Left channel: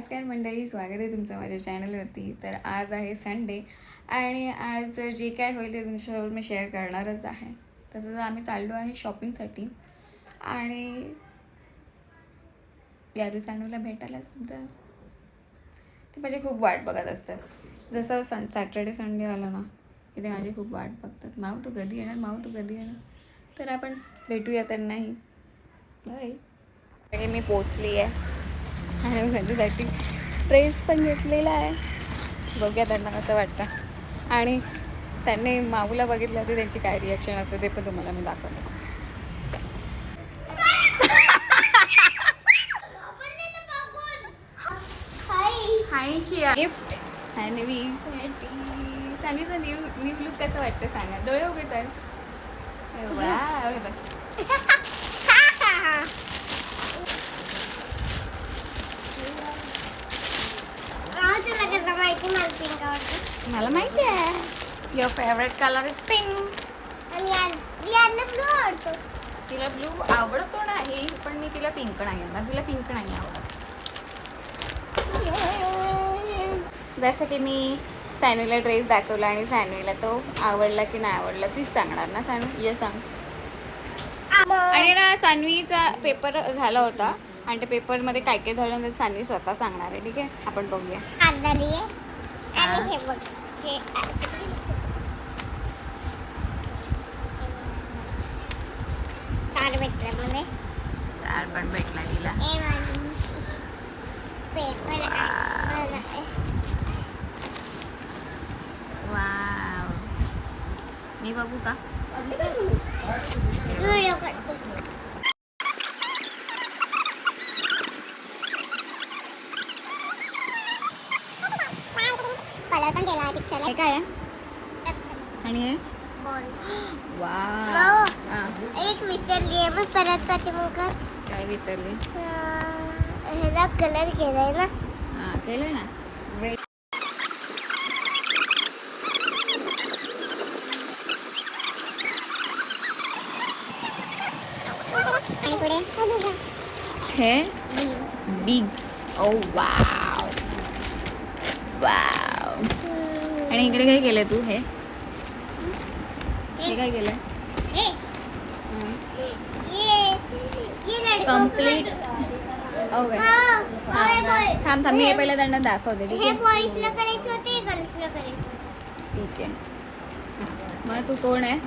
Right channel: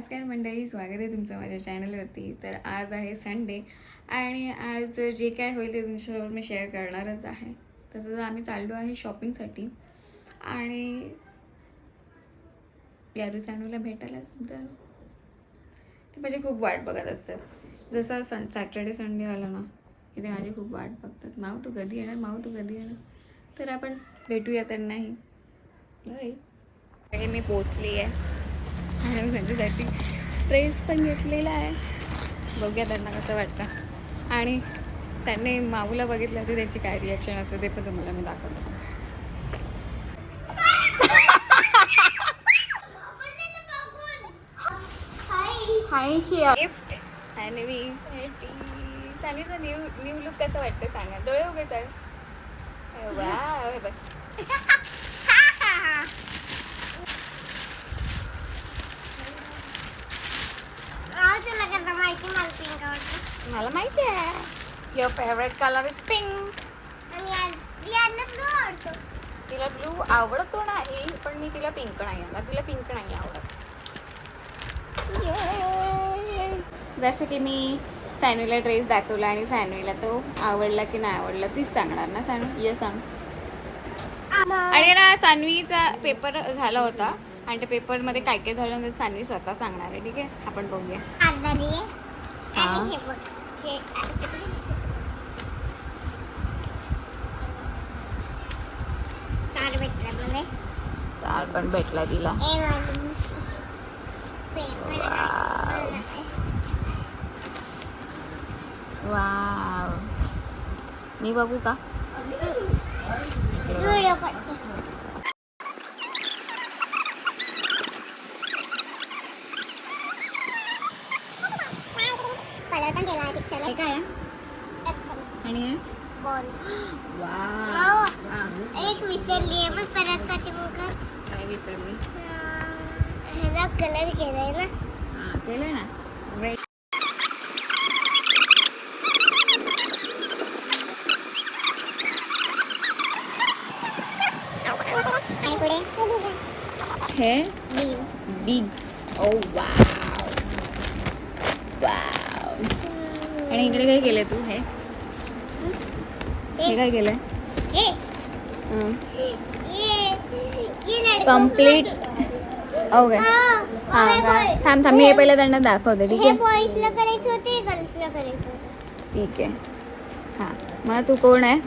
नमस्कार मंडळी स्वागत आहे तुमचं माझ्या चॅनलवरती. तर आज आहे संडे आणि आज जे काय होईल ते तुमच्यासोबत मी शेअर करणारच आहे. तसंच आम्ही चाललो आहे शॉपिंगसाठी आणि यारू सानूला भेटायला सुद्धा. ते माझी खूप वाट बघत असतात जसं सन सॅटर्डे संडे आला ना की ते माझी खूप वाट बघतात. माऊ तू कधी येणार? माऊ तू कधी येणार? तर आपण भेटूया त्यांनाही. नाही मी पोचली आहे. आणि त्यांच्यासाठी ड्रेस पण घेतलेला आहे. बघूया त्यांना कसं वाटतं. आणि त्यांनी माऊला बघितलं ते त्यांची काय रिॲक्शन असते ते पण तुम्हाला मी दाखवतो. हाय गिफ्ट सानवीसाठी न्यू न्यू लुक कसं वाटतं सांगा. डोळे उघडतात वा हे बघ. मला माहिती आहे. Your favourite colour is pink तिला ब्लू आवडतो नाही पण मी तिला पिंक नाही आणणार तिला पिंक नाही आवडत. जसं की मी सॅनवीला ड्रेस दाखवला आणि सॅनवीला तो आवडला की नाही आवडला तीच सांगणार ना सॅनवी ये सांग आणि ना सानवीचा पेपर झाला होता. आणि त्या पेपरमध्ये काय काय झालं सानवी स्वतः सांगणार आहे ठीक आहे? आपण बघूया. हा. तार पण भेटला तिला. वाव. मी बघू का? कलर पण केला पिक्चरला हे काय आहे? आणि हे हा. एक विसरली आहे पण परत पाठवू का काय विसरली ह्याला कलर केलाय ना. हा केलं ना? Great. आणि पुढे? हे? बिग ओ वाव आणि इकडे काय केलं तू हे? हे काय केलं कंप्लीट ओके. थांब थांब मी हे पहिले त्यांना दाखवते ठीक आहे? ठीक आहे. हां. मला तू कोण आहे?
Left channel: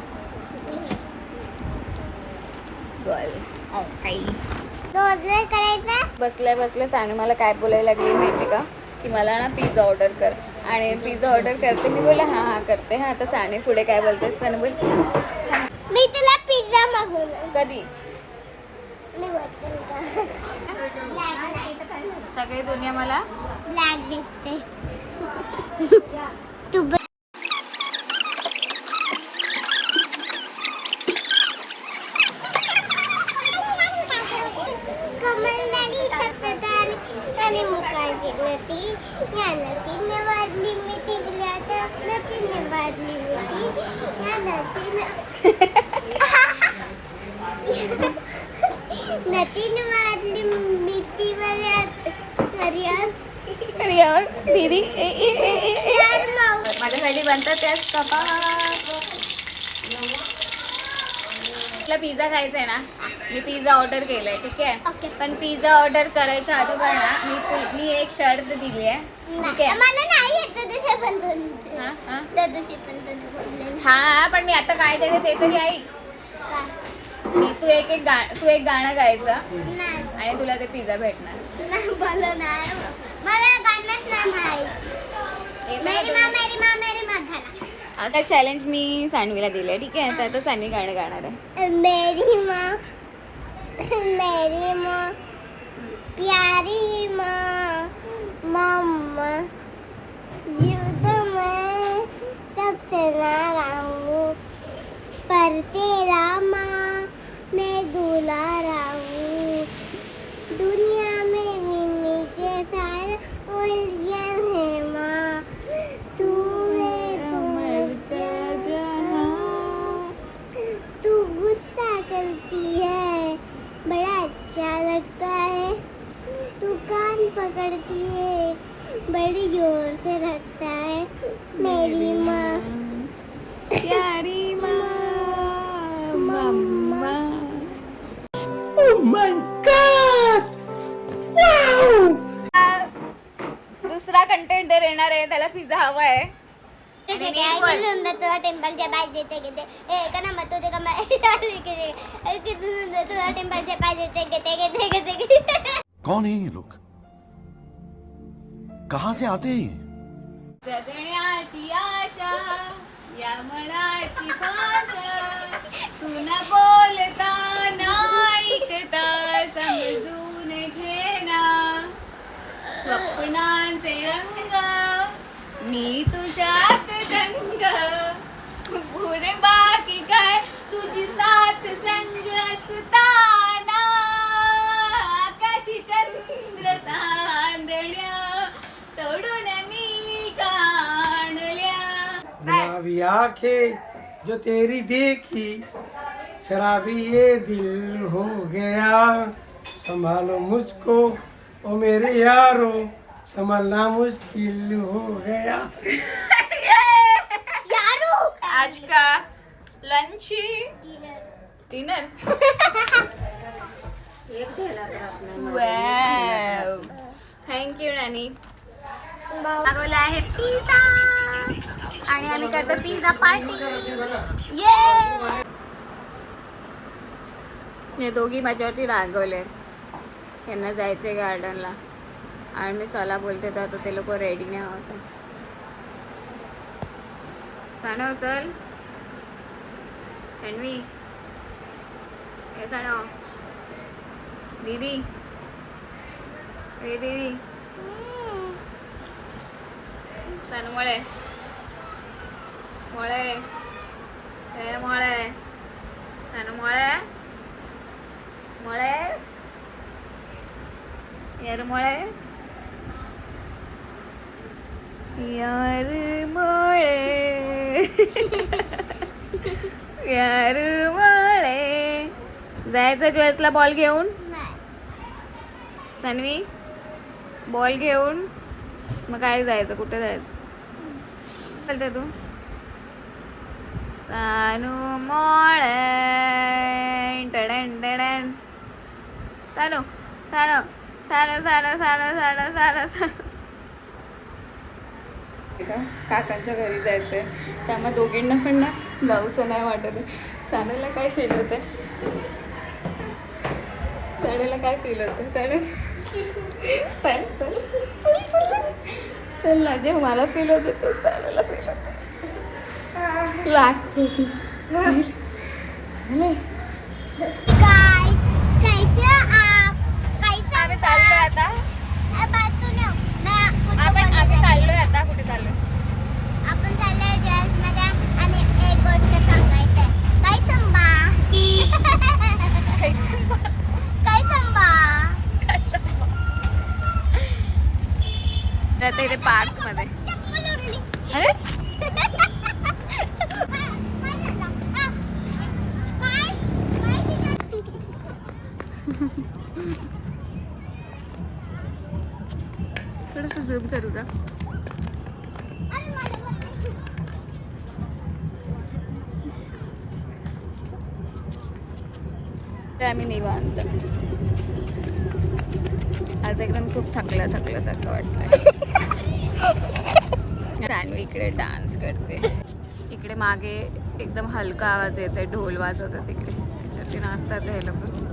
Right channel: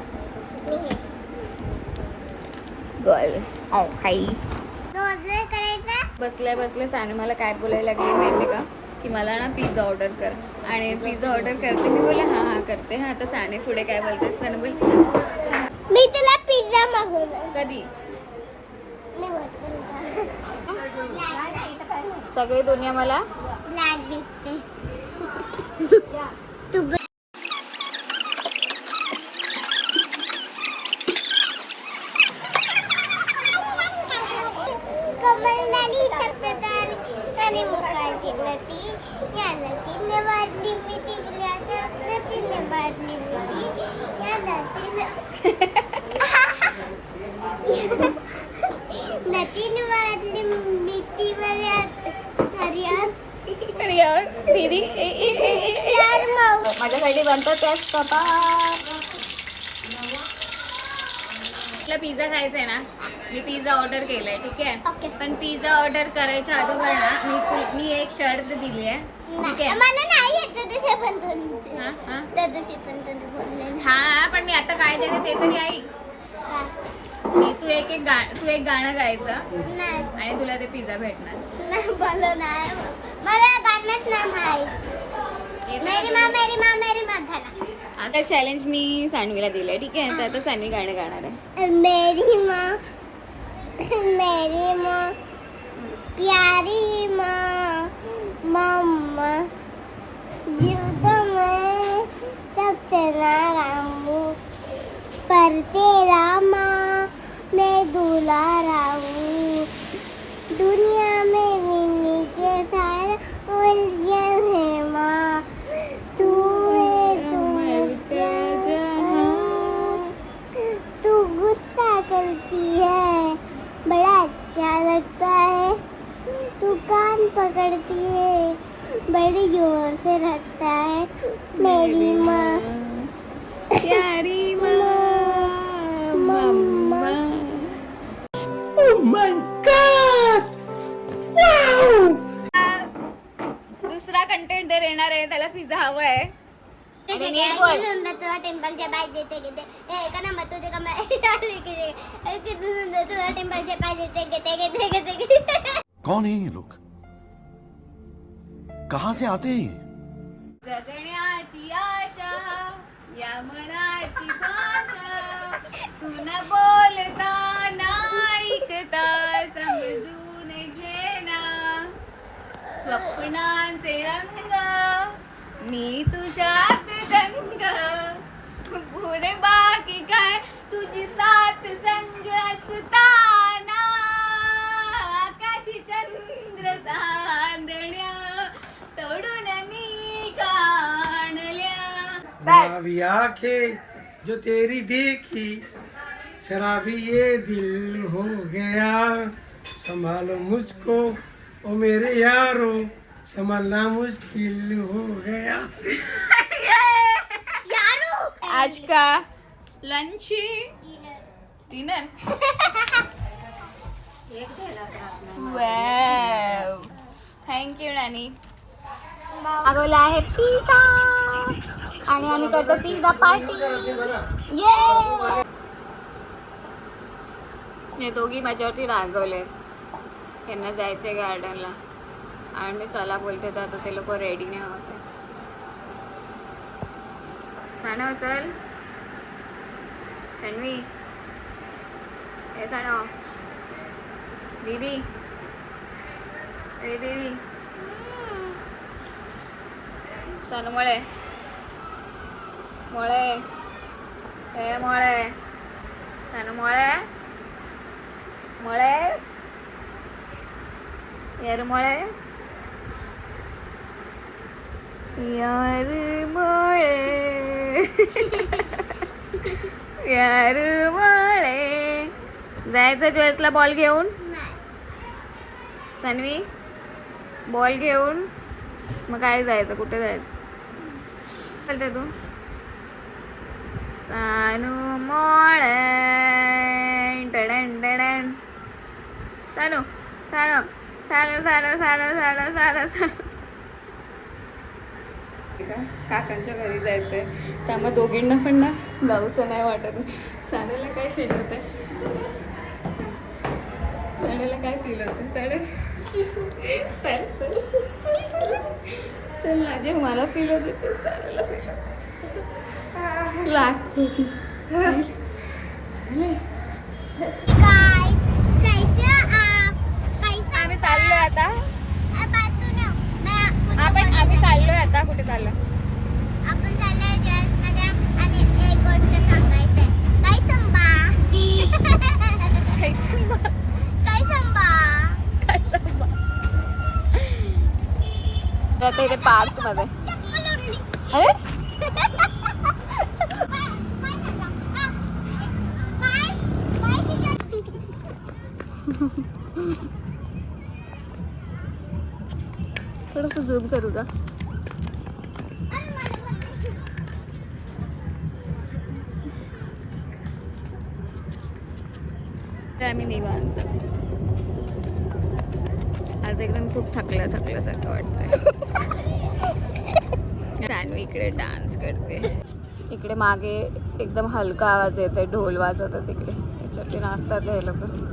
बसल्या बसल्या. सानू मला काय बोलायला लागली माहिती का? की मला ना पिझ्झा ऑर्डर कर. आणि पिझ्झा ऑर्डर करते. मी बोला हां हां करते. हां आता साने पुढे काय बोलते सानू बोल. मी तुला पिझ्झा मागवला. कधी? सगळी दुनिया मला ब्लॅक दिसते. आणि मुखाची नटी या नटीने वाढली मिठी त्या नटीने वाढली मिठी या नटीने नटीने वाढली मिठी यार दीदी यार मग तुला पिझ्झा खायचा आहे ना मी पिझ्झा ऑर्डर केलाय ठीक आहे? पण पिझ्झा ऑर्डर करायच्या अगोदर ना मी तुल- मी एक शर्ट दिली आहे ठीक आहे? मला नाही येत पण दोन हा हा? त्या दिवशी पण तुम्ही बोललेलं हा पण मी आता काय देते ते तरी ऐक का? मी तू एक एक गा तू एक गाणं गायचं नाही. आणि तुला ते पिझ्झा भेटणार. नाही मला नाही मला गाणंच नाही माहीत. आता चॅलेंज मी सानवीला दिलंय ठीक आहे? तर आता सानवी गाणं गाणार आहे. मेरी माँ मेरी माँ प्यारी माँ मम्मा में सबसे नाराज हूँ। पर तेरा माँ मैं दुलारा हूँ। दुनिया दुसरा कंटेंडर येणार आहे त्याला पिझ्झा हवा आहे. आणि नीट बोल. किती सुंदर तुला टेम्पलच्या पाहिजे ते घेते ए का ना मग तुझे का किती सुंदर तुला टेम्पलचे पाहिजे ते घेते घेते घेते घेते कौन है ये लोग? कहां से आते हैं जगण्याची आशा या मनाची भाषा तू न बोलता स्वप्नांचे रंग मी तुझ्यात दंग. पुढे बाकी काय? तुझी साथ संज असताना. आकाशी चंद्र चांदण्या तोडून मी काढल्या. आंखें जो तेरी देखी शराबी ये दिल हो गया. संभालो मुझको ओ मेरे यारो संभालना मुश्किल हो गया। यारो! आज का लंच डिनर थँक्यू नानी मागवला आहे पिझ्झा आणि आम्ही करतो पिझ्झा पार्टी ये हे दोघी माझ्यावरती रागवले. त्यांना जायचं आहे गार्डनला आणि मी चला बोलते तर आता ते लोक रेडी नाही होते. सणव चल. सणवी हे सणव दीदी. रे दीदी. सण मळे. मळे. मळे. सण मळे. मळे यार मळे यार मळे यार मळे जायचं ज्वेसला बॉल घेऊन? सन्वी? बॉल घेऊन? मग काय जायचं? कुठे जायचं? चालतं तू. सानू मोळे. टडन टडन. सानू सानू. सानू सानू सानू सानू का? काकांच्या घरी जायचंय. त्यामुळे दोघींना पण ना जाऊसं नाही वाटत. सानूला काय फील होते सानूला काय फील होते सानू चल चल ना जे मला फील होते ते सानूला फील होते लास्ट थे ती आता? आपण आम्ही चाललोय आता कुठे चाललो आपण चाललोय जॉईस मॅडम आणि एक गोष्ट सांगायचंय. काय काय संबा? काय संबा? पार्कमध्ये. अरे? झूम करू का? आम्ही निवांत. आज एकदम खूप थकल्या थकल्यासारखं वाटतंय. सानवी इकडे डान्स करते. इकडे मागे एकदम हलका आवाज येतोय ढोल वाजवतात तिकडे त्याच्यावरती नाचतात हे लोक.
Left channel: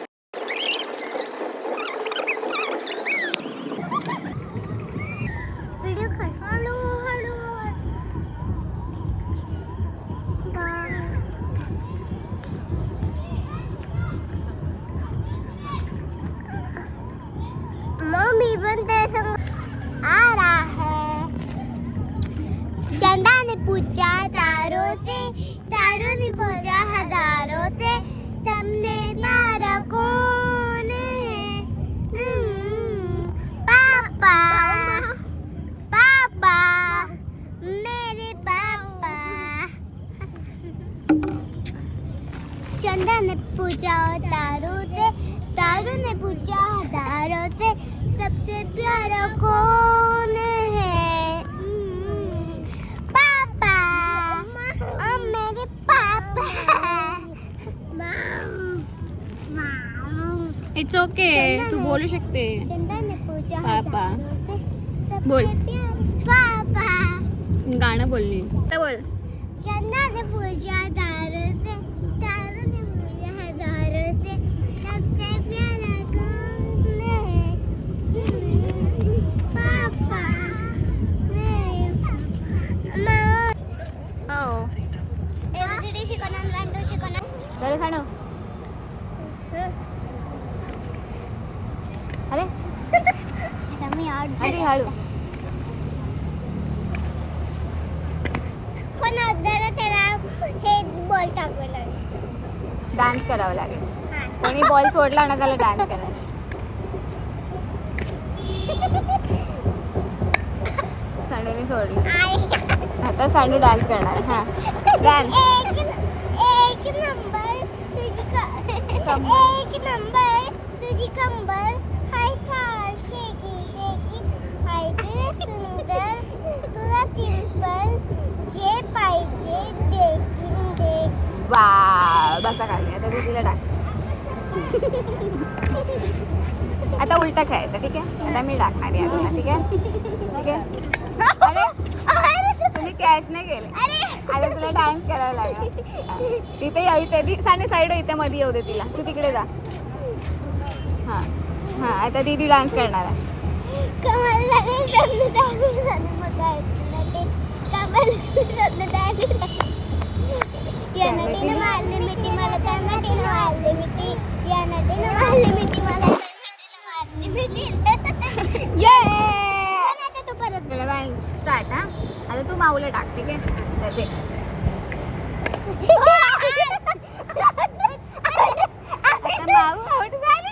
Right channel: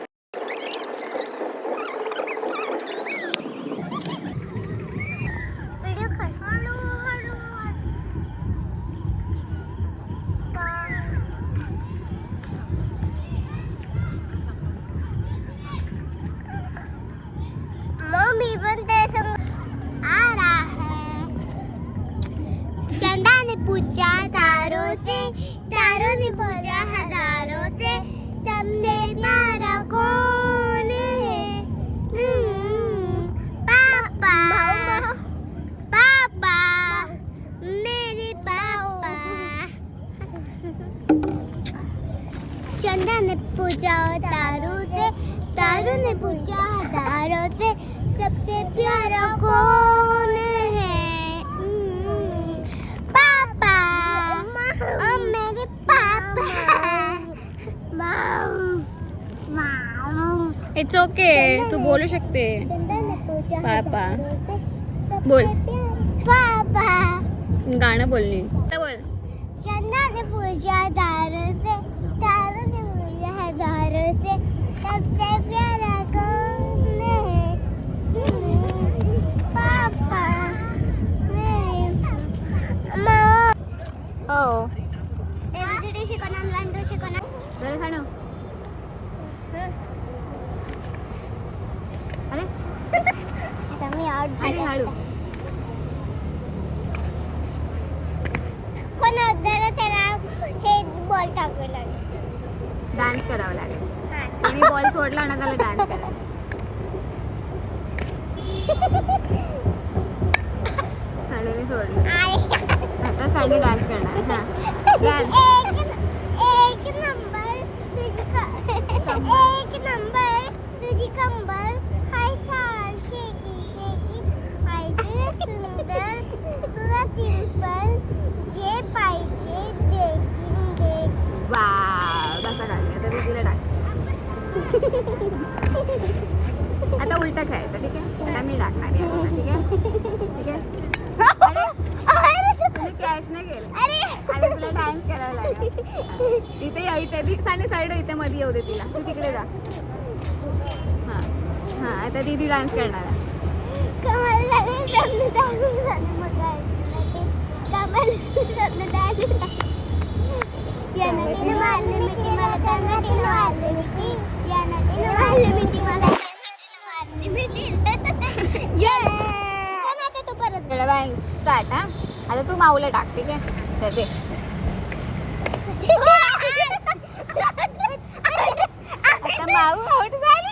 पूछा तारों से तारों ने पूछा हज़ारों से सबसे प्यारा कौन है? पापा और मेरे पापा। इट्स ओके तू बोल सकते पापा. बोल. पापा। बोलली. काय बोल? चंदा ने पूछा तारों से अरे. अरे हळू. पण अगोदर त्याला हे बॉल डान्स करावा लागेल. कोणी बॉल सोडला ना त्याला डान्स करायला. सांडूने सोडली. आता सांडू डान्स करणार. हा. डान्स एक नंबर तुझी एक नंबर तुझी कंबर. हाय साल शेकी शेकी. हाय तुझे सुंदर. तुला सिंपल जे पाहिजे देखील देख वा बसा खाली. आता तुझीला डान्स आता उलटा खेळायचं ठीक आहे? आता मी टाकणार आहे ठीक आहे? ठीक आहे अरे तुम्ही कॅच नाही केलं अरे. आता तुला डान्स करायला लागला. तिथे यायचं साने साईड इथे मध्ये येऊ दे तिला. तू तिकडे जा. हा हा आता दीदी डान्स करणार आहे. मग ऐकलं ते मारली मला परत स्टार्ट हा? आता तू माऊला टाक ठीक आहे? तर ते. माऊ आउट झाली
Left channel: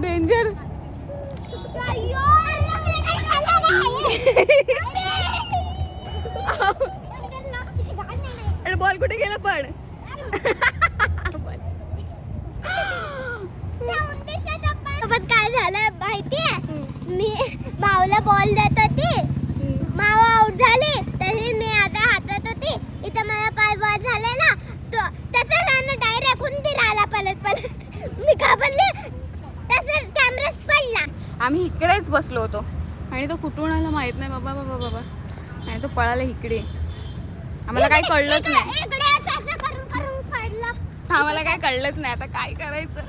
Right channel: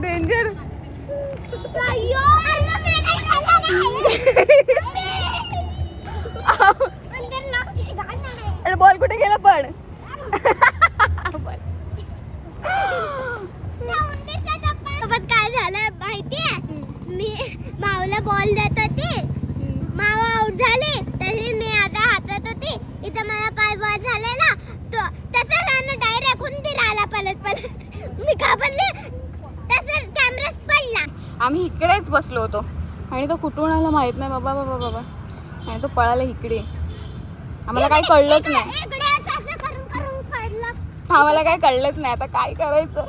डेंजर अय्यो, अन्न मी काही खाल्लं नाही. अंदर ना, घाण नाही. अरे बॉल कुठे गेला पण सोबत काय झालं माहितीये मी माऊला बॉल देत होती माऊ आउट झाली तरी मी आता हातात होती इथं मला पाय वर झालेला तो त्याचा रान डायरेक्ट हुंदी राहिला पलत पलत मी घाबरले तसंच कॅमेराच पडला आम्ही इकडेच बसलो होतो आणि तो कुठून आला माहीत नाही. बाबा बाबा बाबा. आणि तो पळाला इकडे. आम्हाला काही कळलंच नाही. आम्हाला काही कळलंच नाही. आता काय करायचं?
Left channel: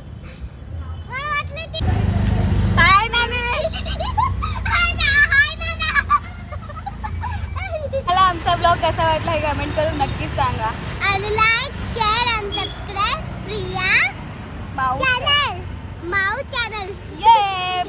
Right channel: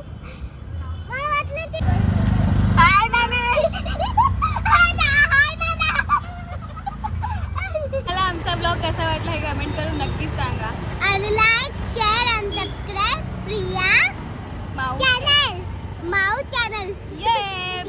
मला आमचा ब्लॉग कसा वाटला हे कमेंट करून नक्कीच सांगा. आणि लाईक शेअर आणि subscribe Priya Mau channel Mau channel ये